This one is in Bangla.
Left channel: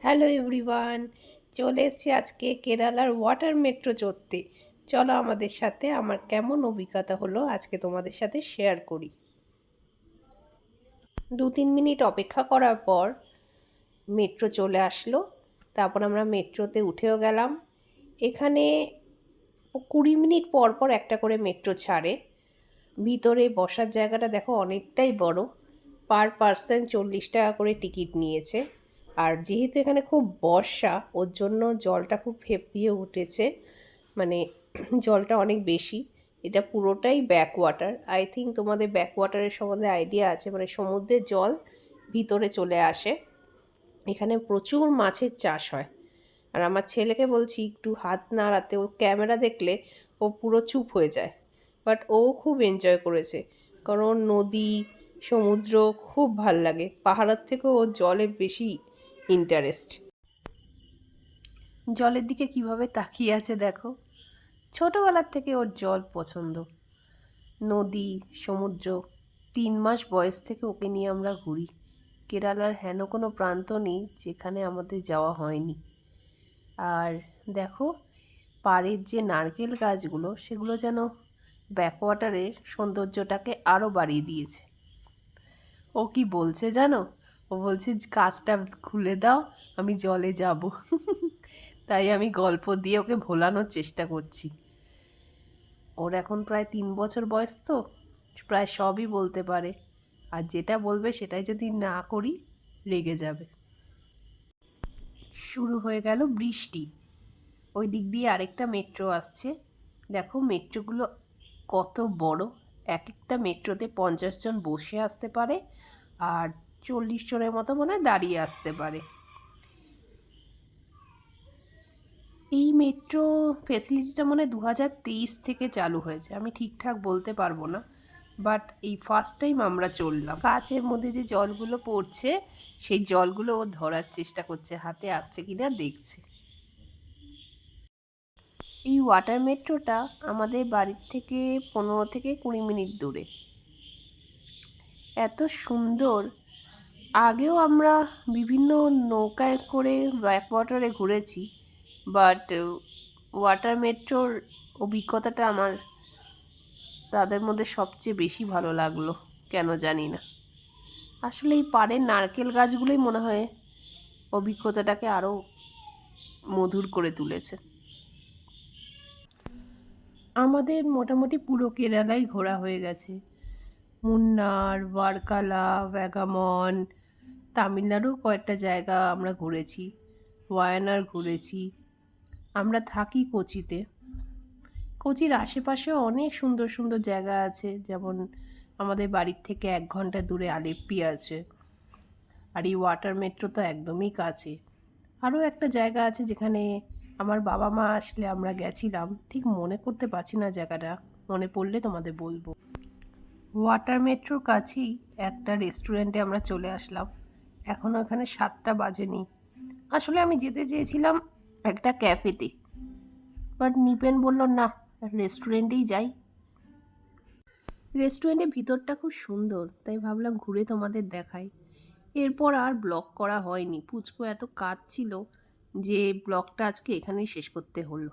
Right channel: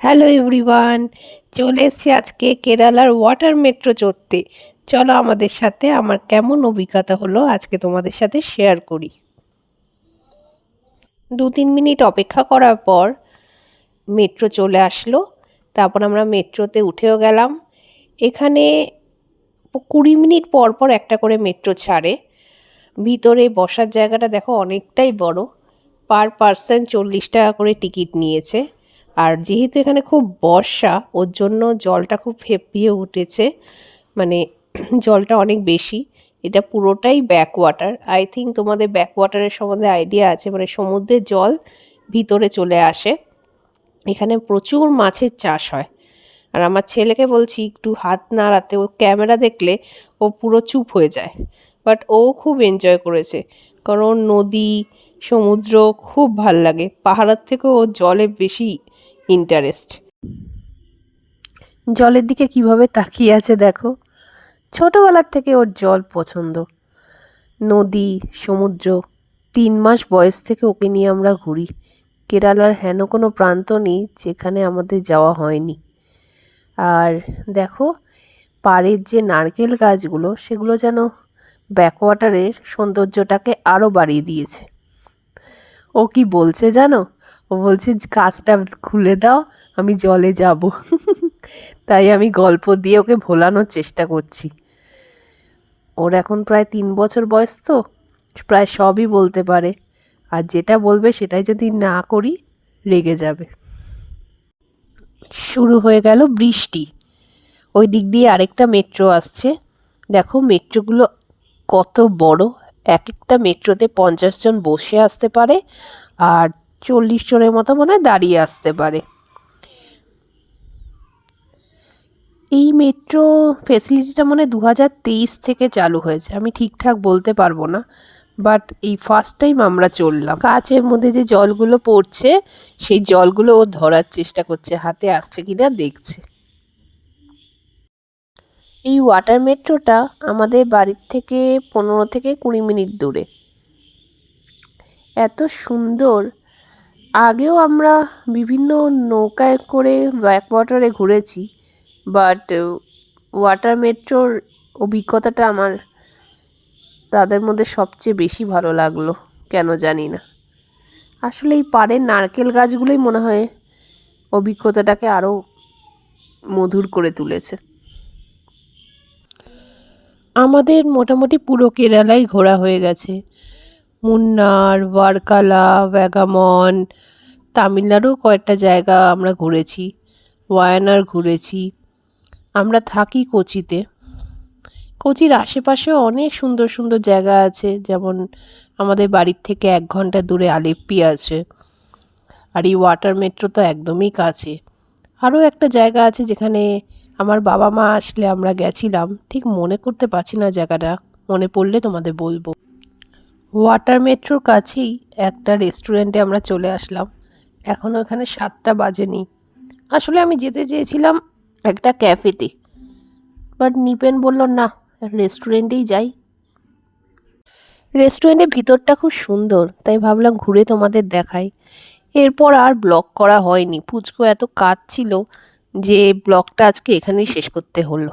হ্যালো এভরিওয়ান, চলে এসেছি আজকে কেরালার ওয়াটার মেট্রো চড়তে। চলো আমাদের সাথে, আমার কেমন অভিজ্ঞতা হলো আজকে তোমাদের সাথে শেয়ার করি। 2-3 মিনিট অপেক্ষা করার পর মেট্রো চলে আসলো। তারপর আমরা মেট্রোতে উঠেও গেলাম। এখানে 20 মিনিট পর পর একটা করে মেট্রো ছাড়ে। ভিতরে বসার জায়গাটা দেখো অনেকটাই বড়। পার পার্সন 40 টাকা করে টিকিট নিয়েছে। আর যেহেতু এখানে খুব বর্ষা, ওর জন্য জলটা খুব ফেঁপিয়ে উঠেছে, মানে জলটা অনেক বেশি। এটা পুরোটাই ব্যাক ওয়াটার। আই থিঙ্ক তোমাদের ব্যাক ওয়াটারের সম্বন্ধে আইডিয়া আছে, মানে সমুদ্রের জল ভিতরে চলে আসে। এখানে প্রচুর মাছের চাষ হয়। আর আমার ছেলেকে বলছি একটু হাত নাড়াতে, ও ক্যামেরা দেখলে ও পুরো চুপ হয়ে যায়। বাট ও খুব এনজয় করেছে, কারণ নদী সমুদ্র খুব ভাল লাগে। পাহাড়ের থেকেও ও জলে বেশি ইন্টারেস্ট। জলের দিকে কিভাবে তাকিয়ে আছে দেখো। ছোটোবেলার থেকে ওর জল পছন্দ, নদী সমুদ্র। 3 মাস বয়স থেকে ওকে নিয়ে আমরা ঘুরি। কেরালার হেন কোনো প্রান্ত নেই যেখানে আমাদের যাওয়া হয়নি। আর দেখো, পাড়ের যে নারকেল গাছগুলো, সেগুলো যেন ব্যাকওয়াটারের সৌন্দর্যটাকে আরও বাড়িয়ে দিয়েছে। ও কি বলছে জানো? ও বলছে কাজটা খুলে দাও, আমি জলে যাব। তাই আমি গল্প দিয়ে ওকে ভোলানোর চেষ্টা করছি। ওর এখন প্রায় 3 বছর বয়স, তো প্রায় সবই বলতে পারে। আর যেটা বলবে সেটাই যদি না করি রেগে যাবে। শুরু হয়ে গেল বৃষ্টি। ওই দিক দিয়ে আরেকটা মেট্রো আসছে। দেখো মেট্রোগুলো কত বড়। এক একটা মেট্রোতে 50 জন বসে আসতে পারে, আর 40 জনের মতো মনে হয় দাঁড়িয়ে আসতে পারে। এই মেট্রো ফেসিলিটিটা মনে হয় 2023 থেকে চালু হয়েছে, আমি ঠিকঠাক বলতে পারবো না। বাট এই ফার্স্ট টাইম আমরা চললাম। কাচের মধ্যে যে জলগুলো পড়ছে, সেই জলগুলো ও ধরার চেষ্টা করছে, হাতে আসছে কিনা দেখছে। এই ওয়াটার মেট্রোটা আমাদের বাড়ির থেকে 15 থেকে 20 মিনিট দূরে। এত সুন্দর। আগেও আমরা বিভিন্ন নৌকায় করে ব্যাক ওয়াটারে ঘুরেছি, বাট ওয়াটার মেট্রোর অভিজ্ঞতাটা আমার তাদের মধ্যে সবচেয়ে বেশি ভালো লাগলো, কেন জানি না। আসলে এই পাড়ের নারকেল গাছগুলোই মনে হয় অভিজ্ঞতাটাকে আরও মধুর করে তুলেছে। আমাদের মোটামুটি পুরো কেরালাই ঘোরা হয়ে গেছে। মুন্নার, ওয়ারকালা, ভ্যাগামন, তামিলনাড়ুর কয়েকটা জায়গা আমরা ঘুরেছি, ওয়ায়ানার ঘুরেছি। আমরা থাকি কোচিতে। কোচির আশেপাশেও অনেক সুন্দর সুন্দর জায়গা আছে, যেমন আমাদের বাড়ির থেকে 1 ঘন্টা দূরে আলেপ্পি আছে। আর এই ওয়াটার মেট্রো তো একদমই কাছে। আরও একটা জায়গা আছে যেখানে আমার বাবা মা আসলে আমরা গেছিলাম, ঠিক মনে করতে পারছি না জায়গাটা, মনে পড়লে তোমাদের বলবো। ওয়াটার মেট্রোর কাছেই একটা রেস্টুরেন্টে আমরা চলে আসলাম। এখনও এখানে 7টা বাজেনি। আসলে আমি যেতে চেয়েছিলাম একটা ক্যাফেতে, বাট নিপেন বলল না, রেস্টুরেন্টেই যাই। রেস্টুরেন্টের ভিতরটা খুব সুন্দর, তাই ভাবলাম ঘুরে তোমাদের দেখাই। এরপর আর ব্লগ করা হয়নি, পুচকু এত কাজ ছিল যে ব্লগটা আজকে এখানেই শেষ করতে হলো।